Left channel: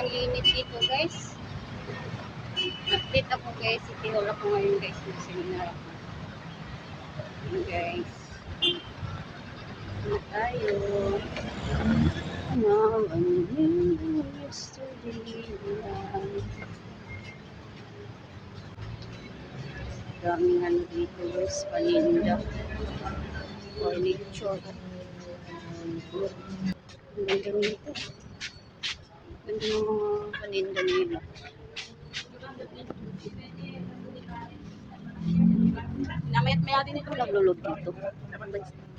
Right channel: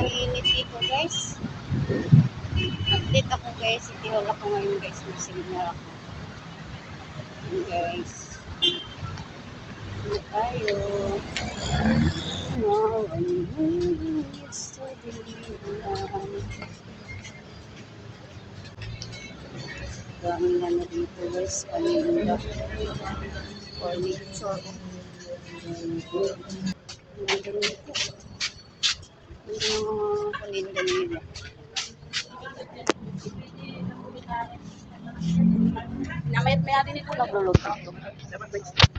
sobrang init dito guys. Update ako guys. City Hall ako ngayon guys. May seminar ako. Yun guys. Ano tayo? Now I knew yesterday. Daming ano dito guys. Paninda. Furniture. Ganda nito. Ganda ng mga paninda nila. Namayat-mayat din ito. Naglulog dito.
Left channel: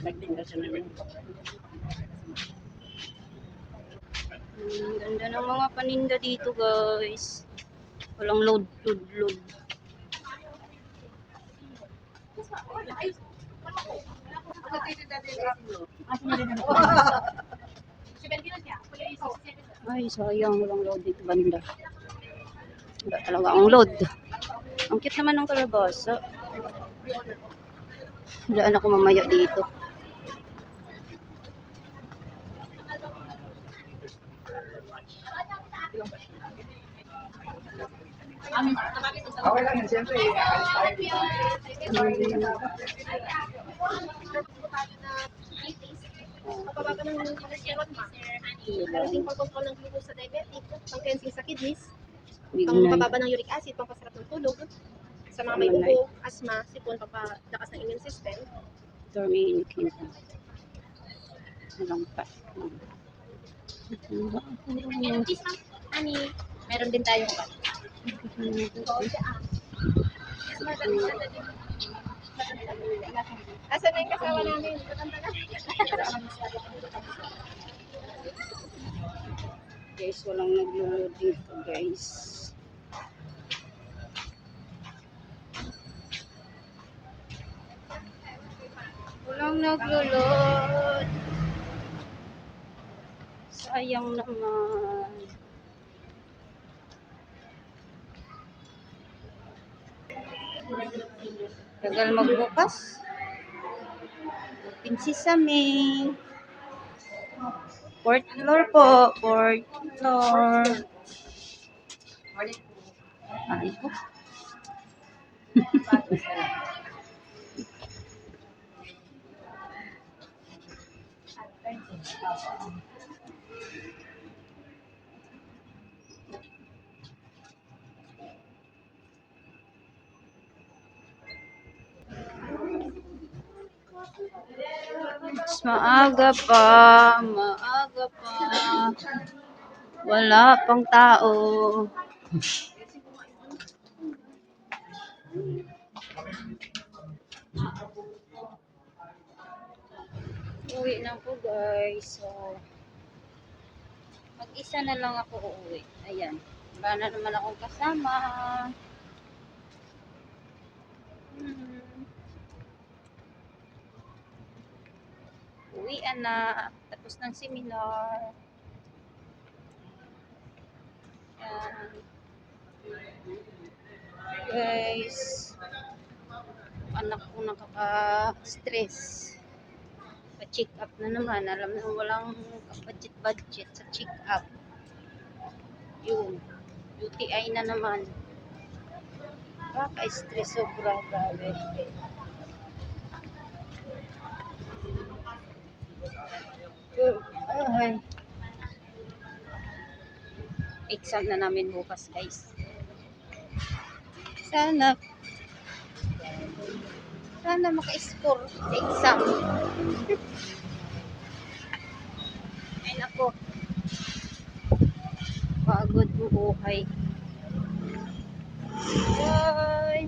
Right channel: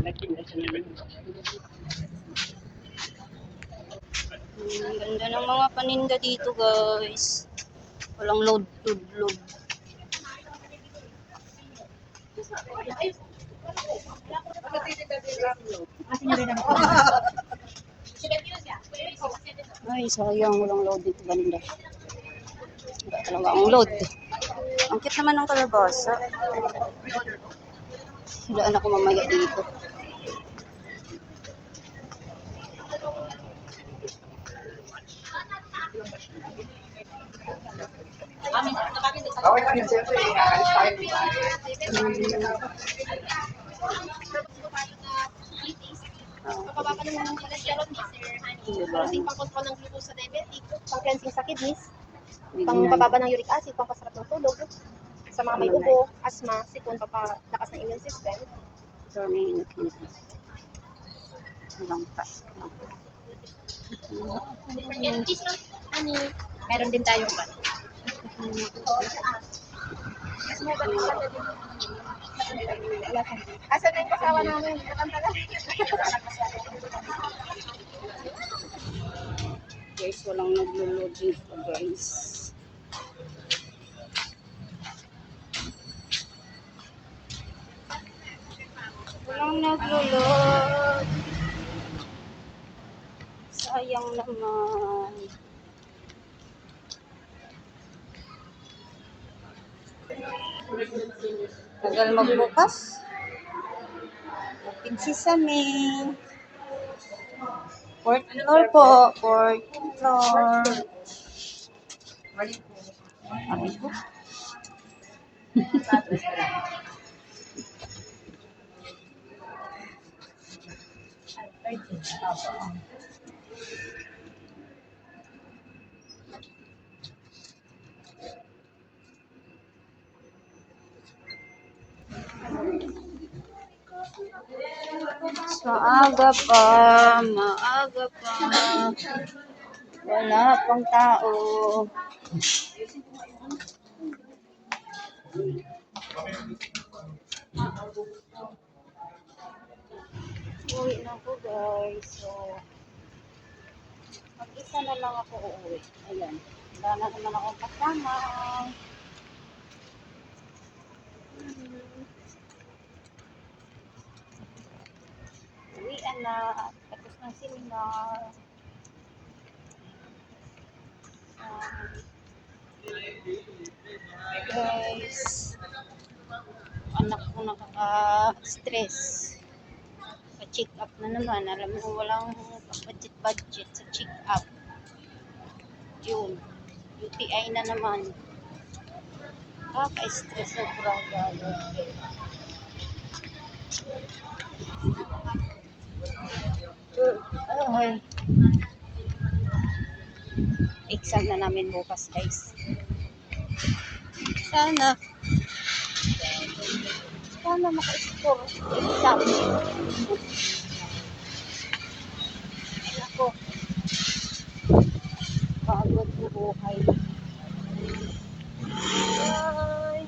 Nagtinda siya na rin. Ganda ng mga paninda dito guys. Walang load. Ay, sayang. Walang load dito banda. Wala talaga ang load. Ang cute naman ng kalabasa. Daan ako mamaya dito. Okay lang yun, siyempre, aalis tayo. Papababa ng cholesterol, ma. Protein pang control ng glucose sa diabetic, pang cleansing sa kidneys, pang pababa ng uric acid, pang pasarap ng tulog, sa mga may ubo, asthma, sipon, papalakas ng immune system. Dorming in Walang pa. Yan, cheese, ma. Ani, meron din tayong pan. Asan na yung kasawa namin? Guys, walang naglo-load dito guys. Walang naglo-load. Sayang naman. Tagal magbukas. Open sesame. 4th floor po. 4th floor. Ay po. Maaga pa. Wala pang tao. Uwi na po guys. So, mag-isa na lang ako uuwi. Ayan. Wala na naman akong kasama. Uwian na. Tapos ng seminar. Guys, anak ko nakaka-stress. Pa-check up na naman. Alam mo, walang budget sa check up. Yun. UTI na naman. Kaka-stress sobra galit. Ay. Exam na namin bukas guys. Sana maka-score sa exam. Ay nako. Pagod buhay. Bye.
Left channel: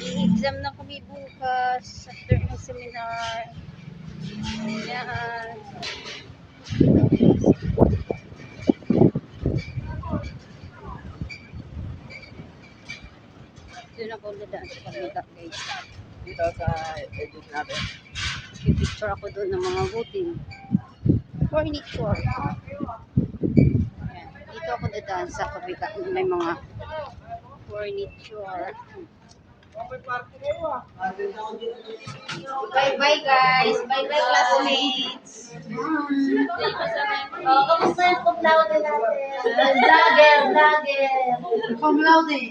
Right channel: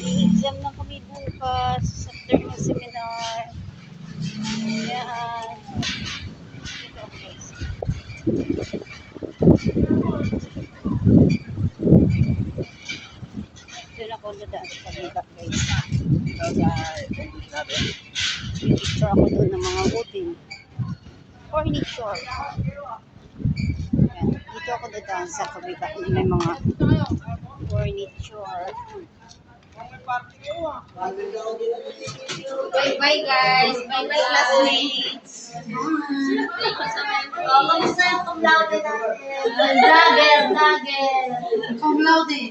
Exam na kami bukas after ng seminar. Ayan. Okay. Doon ako dadaan sa kabila guys. Dito sa edit natin. Yung picture ako doon ng mga butin. Furniture. Ayan. Dito ako dadaan sa kabila. May mga furniture. Bye-bye guys. Bye-bye classmates. Oh, kamusta yung cum laude natin? Vlogger. Cum laude.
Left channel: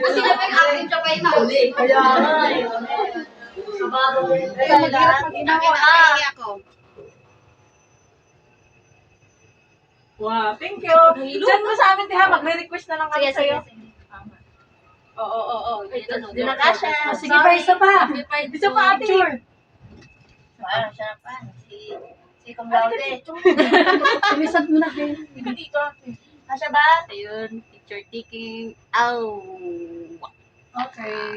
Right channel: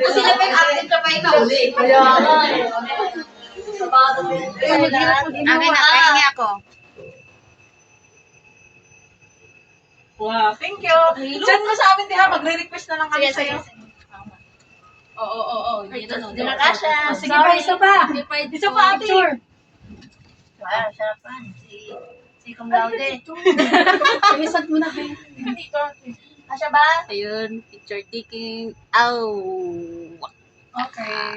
Kasi na pa yung active siya pa yung nauli. Kaya nga eh. Kabado din. Akin na, pahingi ako. Wow, thank you. Send mo sa amin, Tiha. Magre-request na lang kami Sige, sige. sa'yo. Oo. Di na kasha. Sige pa, isa pa. Isa pa, ate. Wow, sarapan. Si cum laude. Inisag mo na kayo. Kasha ba? Ayun, picture taking. Ow! Okay.